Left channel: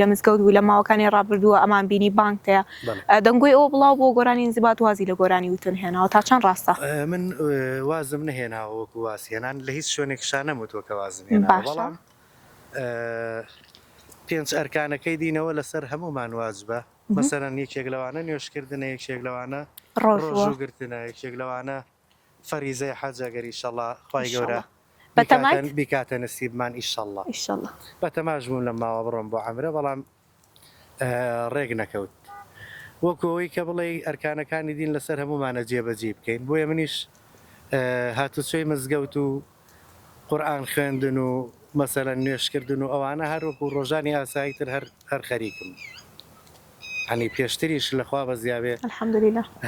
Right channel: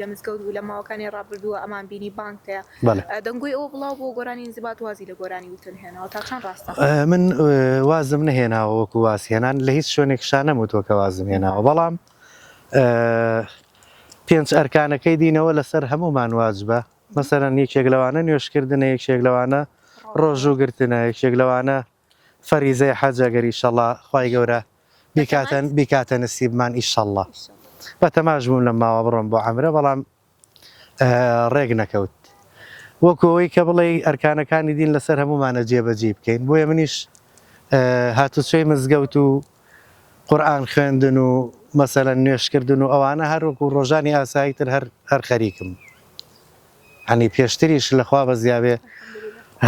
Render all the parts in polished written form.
لە مزگەوت و لە ماوەکانی ڕابردووە ئەمان بینی بانکتەیە دەنگۆی ئەوە بڵاو بۆ گۆرانی انزیبات وازی لە گۆرانی وتن هێناوە تا چەند ڕاستە من وازم نهێناوە وەکو واسهێنان لە هیچ شوێنێکشان نەموتوە کە وازم هێناوە بەڵام پێنج ئەرکانەکەی دینەوە لەسەر هەمومان واجبە مەسەرەن یەکێک لەوانە نوێشکردنە یەکێک لەوانە ڕۆژوگرتنە یەکێک لەوانە فەریزەی حەجەگەری ئیشەڵڵا خوای گەورە بیکاتە نسیبمان ئیشەڵڵا بە تەماش بووم لە ماوە بڕۆم بۆ عەمرە بەڵام ڕێک نەکەوت وەکەوەی کە بڵێ ئەرکانەکانی دین لەسەر هەمومانە جێبەجێ بکەین بۆیە منیش هاتوچۆی مزگەوت و قورئان خوێندن و مەسەلەن نوێشکردن و ئەوانە هەروەکو ڕۆژانی ئاساییتر هەر خەریکم هەنی پێشتریش لەخوا بە زیابێ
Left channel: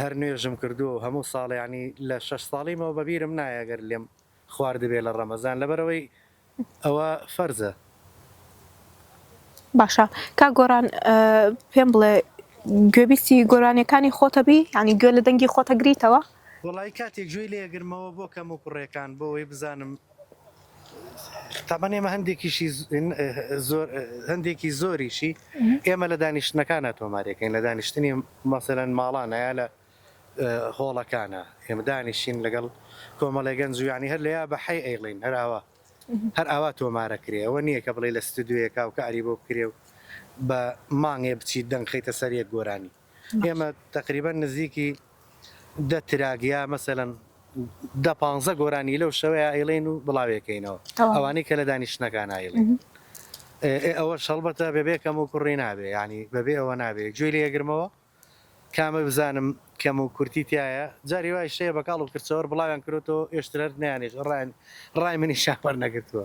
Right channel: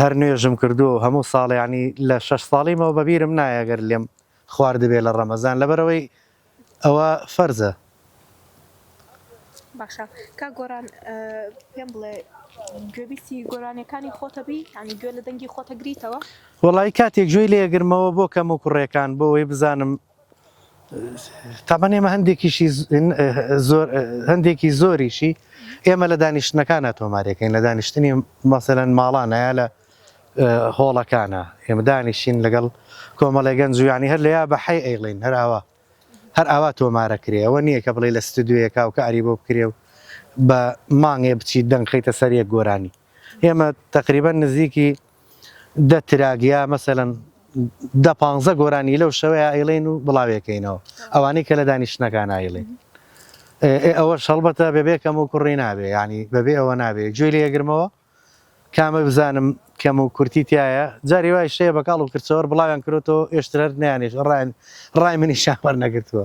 هەر نوێژم کردووە هەموو ساڵ ینی لە 6 ساڵیمەوە بەبیرم نایەگەر لێم خواردبێ لە ڕەمەزان لەبەرەوەی ئەوە فەرزە باشە کا گۆران پێم بڵێ گوێبیستی گۆرانیەکانی خۆتەبی ینی گوێ لە دەنگی خۆتە گریتەوە وڵی کاتێک گوێی لێگرمەوە بۆ کەم و کوڕێکان بۆەوەی بزانم تابەنێمە هەندێکی زۆریشی ئێمە لە دانیشتنەکانە تۆمارەکەین لە دانیشتنی مەسەلەن ماڵانەیە لە هۆڵەکانە ئێمە دانیشین لەگەڵ کۆمەڵی گەنج و ینی هەر لەیا بە حەی ئەیڵین هەر ئاوا تۆمارەکرێ ئەوە نییە کە بڵێ لە ستودیۆیەکا و کاری بۆ بکرێ و بە مانگێ بچیت دەنگ خەیتە سەرەک گۆرانی ئێمە تقریبان نزیکی دە تراگیا مەسەلەن 15 گۆرانی لەو شەوەیە ئەیڵێن و بڵاوێکەینەوە ئەوانەی کە لە دانیشتنەکان ئایڵێن ئەوە شەڵبەتە بەبێکەم و کوڕی نابێ ینی بەبێ ئەوە نابێت گوێی لێگرمەوە کامە بزانم کەم و کورتی تایە جاری وای شەیە بەکاڵ و کرچەوە بڵاویان کردەوە ئێشتر نیانێش ڕای منی شاپەر نەگرتووە